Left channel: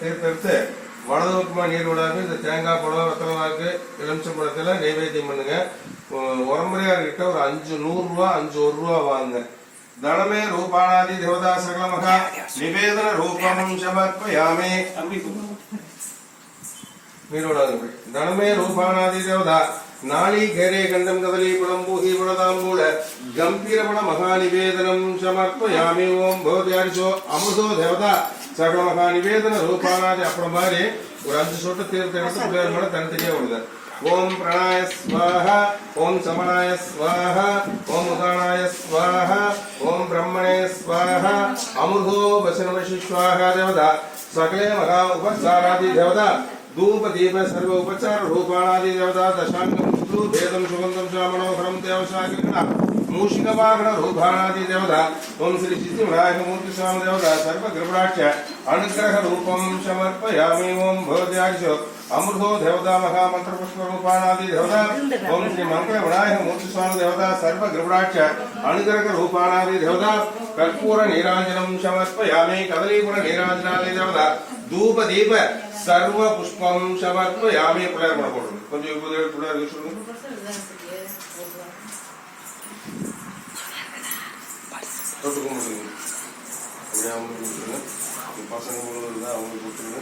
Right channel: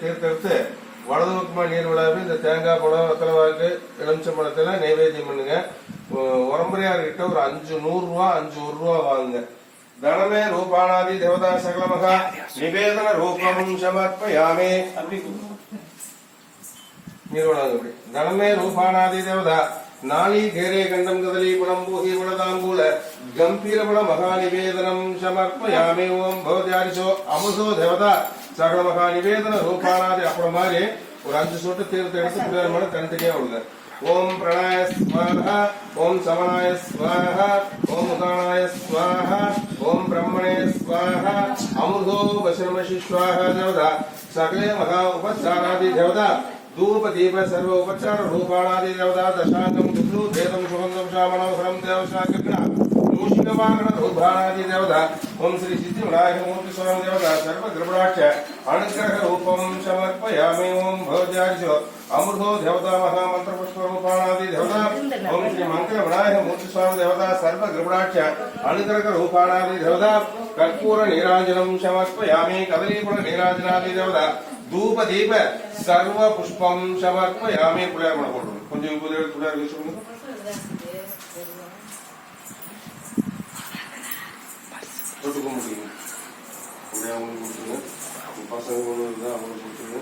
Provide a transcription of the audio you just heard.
தீர்த்தெடுத்து வலது பக்கமா நீர் விடாம இந்த தேங்காய் பழம் வெத்தலைவாக்கு எலுமிச்சம்பழத்துல நைவேத்தியம் பண்ணுங்க. உரம்பரையார் கிட்ட ஒரு 5 100 ரூபா 5 1 ரூபா வாங்குங்க. தனமே ரூபானாதி தேவதா சகலமகா நிவேதன ரூபம் சமர்ப்பயாமே. நீரோடாது தனமே ரூபானாதி தேவதா நாளி கேரே கண்டம் கதலி புலம் பூஹி புலதாம்பூல கம்பீரபுல மகா நிவேதனம் சமர்ப்பயாமி. ஓம் பவத்யாரிசோ அமுதோ தேவதா சகல மகா நிவேதன ரூபானாதி. அப்புறம் மாதிரி ஒரு 5 சொட்டு தீர்த்த எடுத்து புள்ளியார் மேல தனித்தனியா விடுங்க. ஓம் பிரணாய ஸ்வாஹா ஓம் சமனாய ஸ்வாஹா ஓம் உதானாய ஸ்வாஹா ஓம் பிரம்மணே ஸ்வாஹா அமுதோ வசனமசி ஸ்வாஹா தேவதா சகலே மகா உபசாராதி தேவதா धूप दीप सर्व उपचार रूपाणादि देवता दशांगम शुक्लु भेदम सुगंधम श्यामणोहरम देवशांगना मूषिक वाहन रूपाणादि देवता ओम श्री सिद्धिविनायक मूर्ति स्वामी देवता सर्व ग्रहराक्ष अनुग्रह रूपम समर्पयामि. ओम भवद्यादिशो अमृतो देवता महामंत्र पुष्प रूपाणादि देवता ओम श्री मंगल विनायक मूर्ति स्वामी देवता सर्व ग्रहराक्ष अनुग्रह रूपाणादि देवता कर्पूर नीराजनम समर्पयामि. कदलीपुर नीराजनादि देवता धूप दीप सर्व पुष्पम समर्पयामि. पुलर मन போடுங்க கொஞ்சம் இப்போதே புலர் யூஸ்ங்க தொட்டுக்க முடியும். அப்படியே அவங்க கொடுத்துருங்க. பசங்க ஒன்று இருந்தால் அவங்க கொடுத்துருங்க.